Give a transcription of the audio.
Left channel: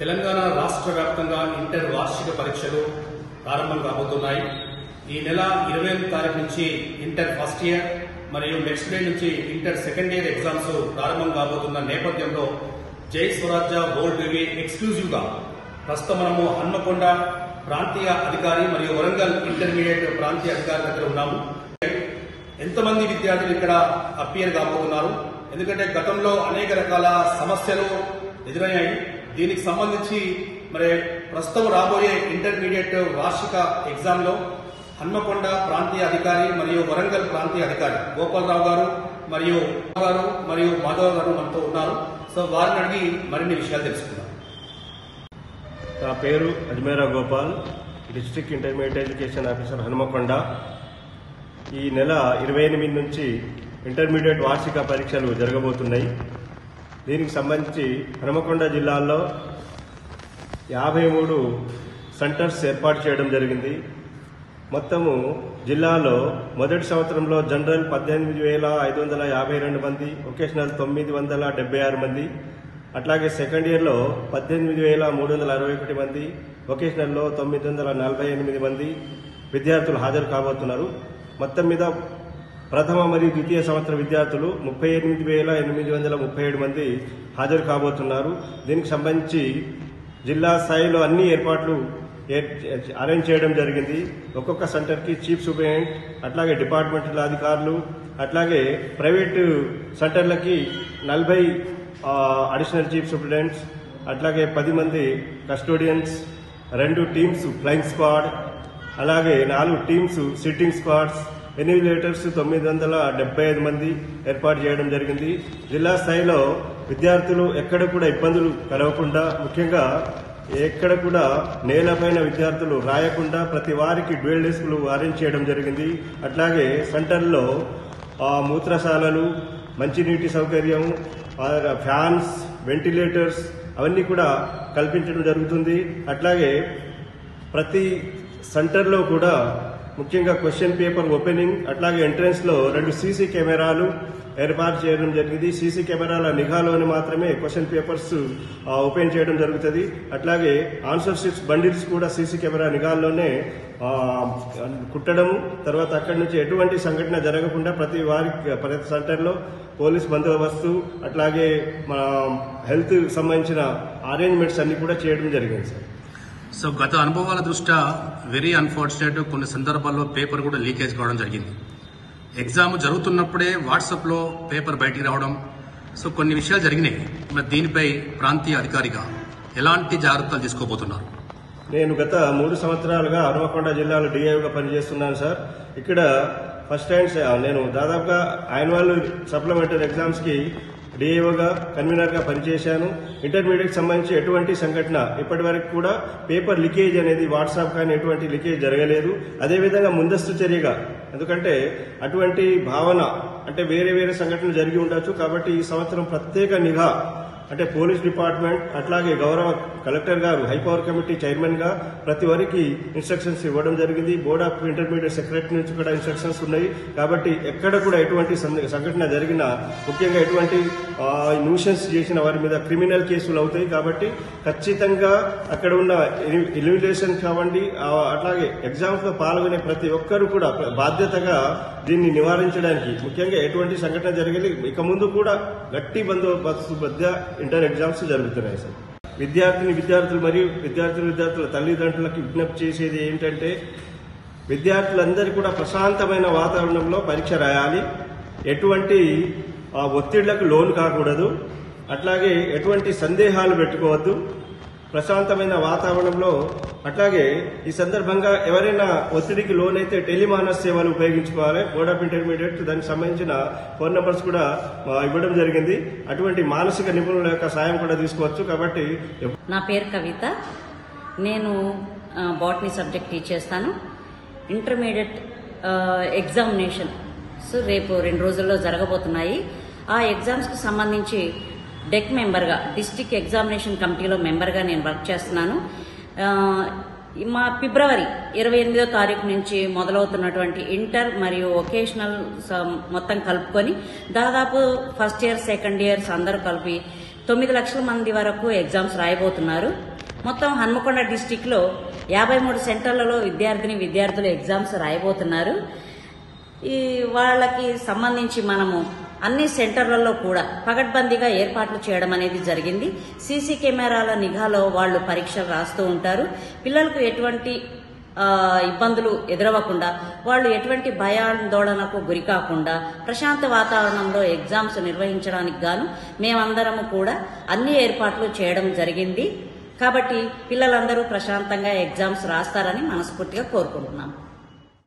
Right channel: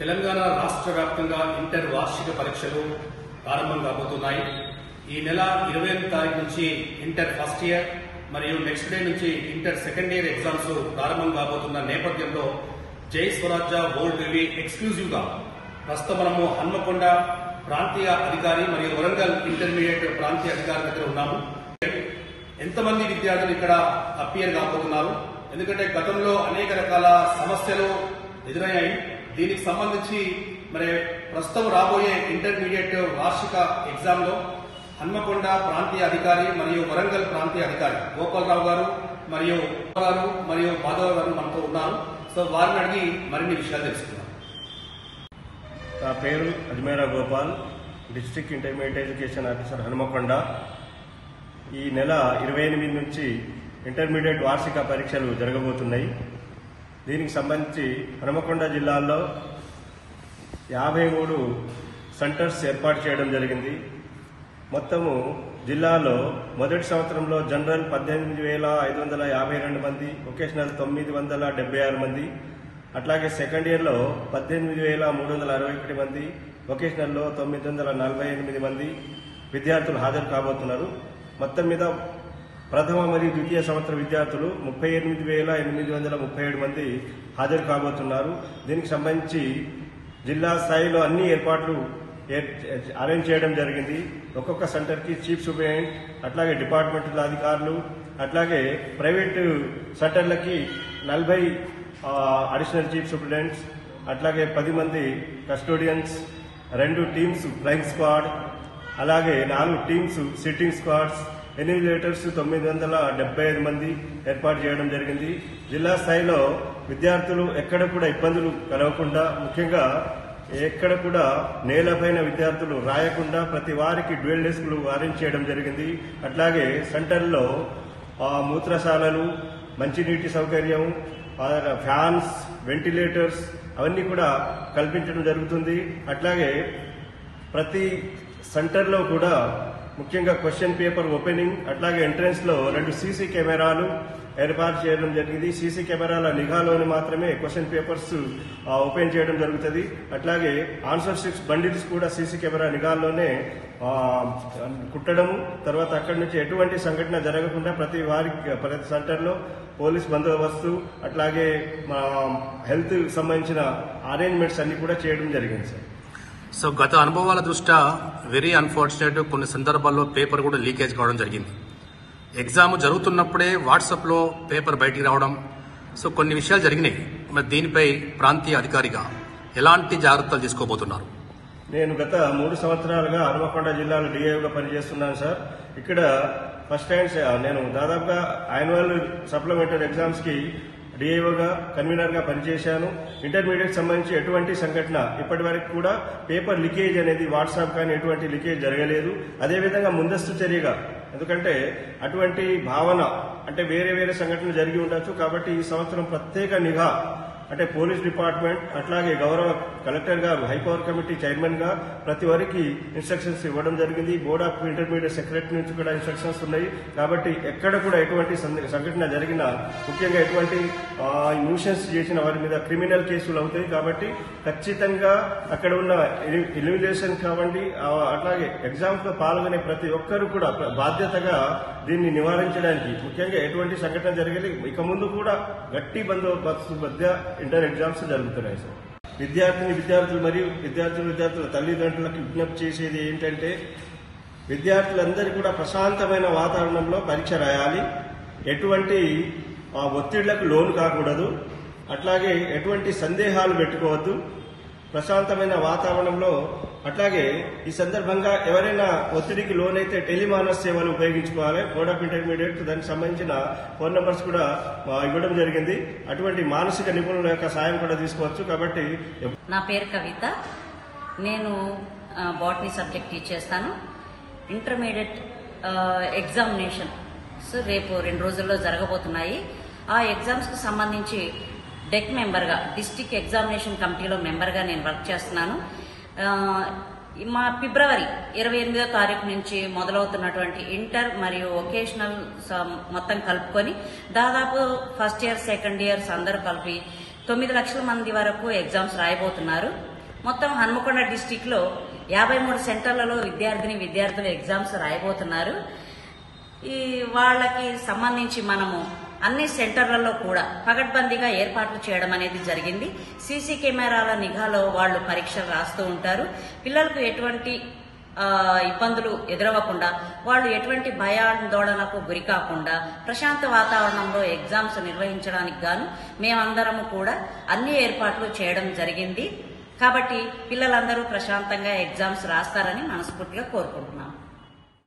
తెలంగాణ రాష్ట్ర వ్యాప్తంగా ఇంటర్ వార్షిక పరీక్షలు ప్రారంభం కాబోతున్నాయి. ఈ నెల 28వ తారీఖు నుంచి ఇంటర్ ఫస్ట్ ఇయర్ మరియు నెక్స్ట్ డే నుంచి ఇంటర్ సెకండ్ ఇయర్ ఎగ్జామ్స్ ప్రారంభం కాబోతున్న నేపథ్యంలో జై స్వరాజ్య వరల్డ్ రివ్యూ ఎక్స్క్లూజివ్ గా ప్రస్తుతం మనము హన్మకొండ ప్రాంతీయ అధికారి మరియు వరంగల్ ఇంటర్మీడియట్ ప్రాంతీయ అధికారి దగ్గర ఉన్నాము. ఎంతమంది విద్యార్థులు ఇక్కడ అపియర్ కాబోతున్నారు? ఎందుకంటే గతంలో అనేక రకాల సమస్యలు ఎదురయ్యాయి. దీనికి సంబంధించి మరి ప్రస్తుతం రాబోయే ఇంటర్మీడియట్ వార్షిక ఎగ్జామ్ లో హన్మకొండ ప్రాంతీయ అధికారి మరియు వరంగల్ ప్రాంతీయ అధికారి గోపాలరావు గారు మరియు మాధవ్ గారు మనతో ఉన్నారు. సో వారిని అడిగి మరిన్ని విషయాలు తెలుసుకుందాం. నా పేరు Ajmera Gopal, district intermediate education officer Hanamkonda. ఈ నెల 28 నుంచి ఇంటర్మీడియట్ వార్షిక పరీక్షలు జరగబోతున్నాయి. దీనికి సంబంధించి హన్మకొండ జిల్లాలో 53 సెంటర్స్ ఏర్పాటు చేయడం జరిగింది. మొత్తము జిల్లాలో మొదటి సంవత్సరంలో జనరల్ 18,552 మంది, వొకేషనల్ 976 మంది, అట్లాగే సెకండ్ ఇయర్లో 18,361 మంది, వొకేషనల్లో 948 మంది విద్యార్థులు హాజరు కాబోతున్నారు. మొత్తం మీద ప్రథమ మరియు ద్వితీయ సంవత్సర విద్యార్థులు 38,837 మంది హాజరు కాబోతున్నారు. దీనికి సంబంధించి జిల్లా స్థాయిలో అన్ని ఏర్పాట్లు అరేంజ్ చేయడం జరిగింది. ఒక్కొక్క సెంటర్ కి చీఫ్ సూపరింటెండెంట్, అట్లాగే డిపార్ట్మెంటల్ అధికారులు, అట్లాగే ప్రైవేటు సెంటర్లకి 40 అడిషనల్ చీఫ్ సూపరింటెండెంట్స్, అట్లాగే 10 మంది కస్టోడియన్స్, 2 టీమ్స్ ఫ్లయింగ్ స్క్వాడ్, అలాగే 4 టీమ్స్ సిట్టింగ్ స్క్వాడ్స్, ఎన్యూమిలేటర్స్ 975 మంది ఏర్పాటు చేయడం జరిగింది. జిల్లా స్థాయిలో విద్యార్థులు ఎక్కడ కూడా ఇబ్బందులు కలగకుండా, ముఖ్యంగా ఎక్కడ కూడా నేలపైన విద్యార్థులు రాయకుండా ప్రతి వారికి డ్యూయల్ డెస్క్లు అరేంజ్ చేయడం జరిగింది. అట్లాగే సెంటర్లో మూత్రశాలలు, మంచినీటి సౌకర్యం, ఫ్యాన్స్, వెంటిలేటర్స్ అవన్నీ కూడా కల్పించడం జరుగుతుంది. అట్లాగే ప్రతి సెంటర్లో కూడా ముఖ్యంగా క్వశ్చన్ పేపర్ ఓపెనింగ్, అట్లాగే ఎంట్రన్స్ లో 2 సీసీ కెమెరాలు ఏర్పాటు చేయడం జరిగింది. సీసీ కెమెరాల నిఘాలోని మాత్రమే క్వశ్చన్ పేపర్స్ ఓపెన్ చేయడం జరుగుతుంది. అట్లాగే ఆన్సర్ షీట్స్ బండిల్స్ కూడా సీసీ కెమెరా నిఘాల్లోనే కుట్టడం, తర్వాత అక్కడి నుంచి ఎటువంటి సంఘటన జరగకుండా ప్రతి సెంటర్లో పోలీస్ బందోబస్తు, అట్లాగే హెల్త్ సంబంధించిన అరేంజ్మెంట్స్ అన్ని కూడా చేయడం జరిగింది సార్. సో గత అనుభవాల దృష్ట్యా వెరీ అన్ఫార్చునేట్ కొన్ని సందర్భాల్లో పేపర్ కూడా లీకేజ్ కావడం జరిగింది. ఎగ్జామ్ జరుగుతున్నప్పుడే వాట్సాప్ లో పేపర్ బయటికి రావడం, సో కొన్ని విషయాలు జరిగినాయి. మరి దీనిపై ప్రాంతీయ అధికారిగా ఎలాంటి జాగ్రత్తలు తీసుకోబోతున్నారు? నేను గత 3 సంవత్సరాలుగా హన్మకొండ జిల్లాలో డిఐగా పనిచేస్తున్నాను సార్. ఇక్కడ ఫస్ట్ టైం నేను దాదాపుగా యాన్యువల్ సప్లిమెంటరీ ఎగ్జామ్స్ కి డిఐఓగా కన్వీనర్ గా పనిచేశాను. ఇంటర్మీడియట్ సంబంధించి ఎటువంటి సంఘటన ఇప్పటి వరకు కూడా పేపర్ లీకేజ్ అనేది వాట్సాప్ కానీ ఎటువంటి లీకేజ్ జరగలేదు. అదేవిధంగా ముందస్తు చర్యగా, ఎందుకంటే అటువంటి భావన అంటే వేరే సంఘటనలు జరిగి ఉండొచ్చు, కాబట్టి ఈ సంవత్సరం ప్రత్యేక నిఘా అంటే పోలీస్ డిపార్ట్మెంట్, అట్లాగే గౌరవ కలెక్టర్ గారు హైపవర్ కమిటీ చైర్మన్ గా ప్రతి వారికి ఇన్స్ట్రక్షన్స్ ఇవ్వడం జరిగింది. బోర్డ్ ఆఫ్ ఇంటర్మీడియట్ సెక్రటరీ నుంచి కూడా ఇన్స్ట్రక్షన్స్ ఉన్నాయి. కాబట్టి ఎక్కడ కూడా ఎటువంటి సంఘటన జరిగినా, ముఖ్యంగా ఎటువంటి న్యూసెన్స్ చేసిన వారి మీద క్రిమినల్ కేసులు అవుతాయి. కాబట్టి ఖచ్చితంగా అక్కడ ఉన్న ఎలిమినేషన్ కావండి, అట్లాగే ఎగ్జామ్స్ లో పాల్గొనే ప్రతి ఒక్కరు కూడా బాధ్యతగా దీన్ని నివారించడానికి, ముఖ్యంగా ఎటువంటి సంఘటన జరగలేదు. ఇక ముందు కూడా గట్టి బందోబస్తు మధ్య ఇంటర్ ఎగ్జామ్స్ జరుగుతున్నాయి సార్. విద్యార్థులు మరియు విద్యార్థుల తల్లిదండ్రులకు విజ్ఞప్తి చేసేది ఏంటంటే, విద్యార్థులందరూ కూడా ప్రశాంతమైన వాతావరణంలో పరీక్ష రాయాలి. ఎటువంటి ఒత్తిళ్లకు లోను కాకూడదు, అట్లాగే ఎటువంటి సందేహాలు పెట్టుకోవద్దు. ప్రశాంతమైన వాతావరణంలో, అట్లాగే ఈ సందర్భంగా ఎవరైనా ఒత్తిడికి లోనైతే టెలిమానస్ సేవలు ఉపయోగించుకోవాలి. బోర్డ్ ఆఫ్ ఇంటర్మీడియట్ దానికి సంబంధించిన ఫోన్ నంబర్స్ కూడా ఇవ్వడం జరిగింది. అటువంటి మానసిక నిపుణుల యొక్క సాయం కూడా తీసుకోవచ్చు. కాబట్టి నా పేరు కవిత, నేను బాటనీ సబ్జెక్ట్ టీచ్ చేస్తాను. ఇంటర్మీడియట్ ఎగ్జామినేషన్ రేపు 2 రోజుల్లో జరగబోతున్నాయి. ఆ ఎగ్జామ్స్ కు సంబంధించి డెక్ మెంబర్గా, డిస్టిక్ ఎగ్జామినేషన్ కమిటీలో మెంబర్గా నేను వర్క్ చేస్తున్నాను. మా ఫిబ్రవరి 28వ తారీఖు నుంచి మొదలవుతున్నటువంటి ఇంటర్ మరియు వొకేషనల్ మొత్తం కలుపుకొని దాదాపు ఫస్ట్ ఇయర్ సెకండ్ ఇయర్స్ అందరూ కలిపి 9 లక్షల మంది వరకు ఎగ్జామ్స్ రాయబోతున్నారు. మొత్తం హన్మకొండ డిస్టిక్ లో 53 సెంటర్లలో విద్యార్థులు ఎగ్జామ్స్ రాయబోతున్నారు. ఈ వాళ్ళకి సంబంధించి మనము అన్ని సెంటర్లలో కూడా పగడ్బందీగా ఏర్పాట్లు చేయడం అనేది జరిగింది. సీసీ కెమెరాల నిఘాలో వాళ్ళు పరీక్షలు రాస్తూ ఉంటారు. పిల్లలకు ఎటువంటి ఇబ్బందులు ఎదురవ్వకుండా, వాళ్ళు ఎటువంటి భయాందోళనకు గురి కాకుండా ప్రశాంత వాతావరణంలో ఎగ్జామ్స్ నిర్వహించడానికి గాను మేమందరము కూడా అన్ని ఏర్పాట్లు చేయడం జరిగింది. కాబట్టి పిల్లలందరూ ప్రశాంతంగా ఎగ్జామ్స్ రాస్తారని మనస్ఫూర్తిగా కోరుకుంటున్నాం.